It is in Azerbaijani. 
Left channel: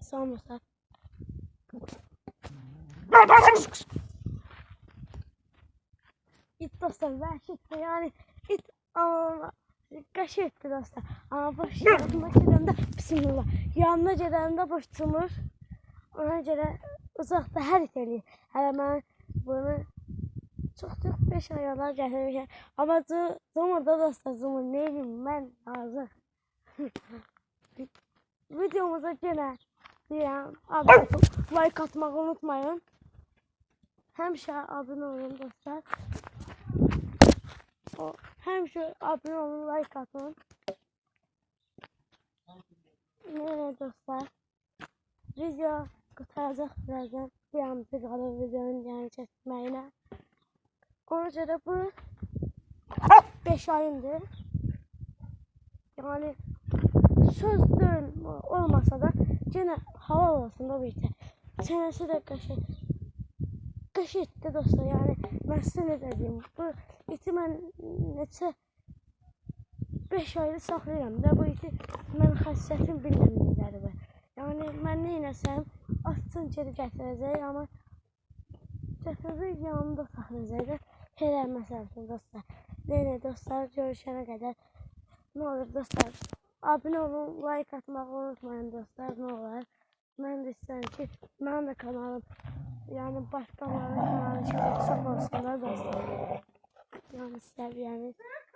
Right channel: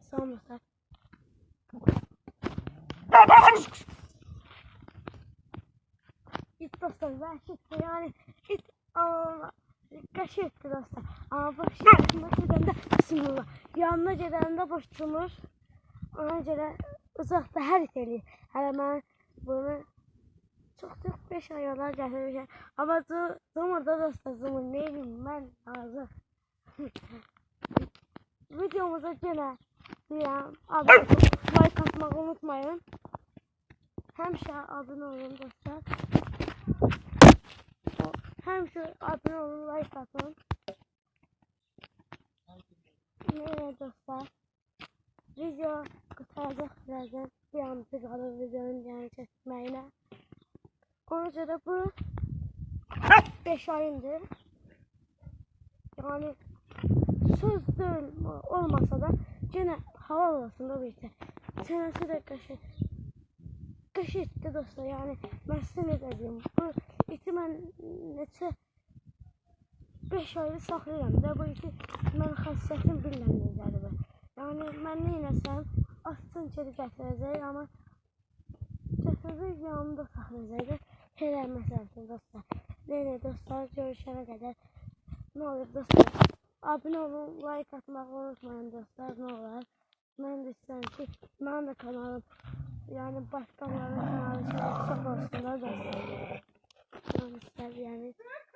Sonra it dostlar vəhşidir yani it qəşəngdir dostlar. Amma boş gedəndə bismillah. Yanına gedəndə boş cumur. Ona görə uzaqda hər it eləyir. Hələ mən bunu çox 5 ay olar gətirmişəm. Amma cumur da dostlar cumur. Ne edeyim mən hazır. Videomuza yenə deyirəm. Like atmağı unutmayın. Həmişə abunə olun dostlar. Həmişə abunə olun, like atın. Neylə dostlar. Video qurtaracaq birazdan. Bir anımızı qalır videonun yəni çəkməyinə. Ona görə bu 5 ayındır. Yəni söz deyil olmasa da yenə halal olsun da bir tə. Çənəsi də qəşəngdir dostlar. Yəni mən sizə nə deyim. Bu iti mən neçə 5 aydır saxlayıram da bu iti mən xəssiyyətini bilməm necədir. Yəni mən neynəsəm açsın geri gətirəcək, amma gətirəcək yanımda saxlayacaq. Şeylər məsələsini dostlar. Neynə dostlar, görüşənə qədər nə olur dostlar. Abunə olun, like atmağı unutmayın dostlar, nə olar. Mən də istəyirəm ki, mənim də kanalım, yəni başqalarının kanalı çox olsun da dostlar. Yəni istəyirəm.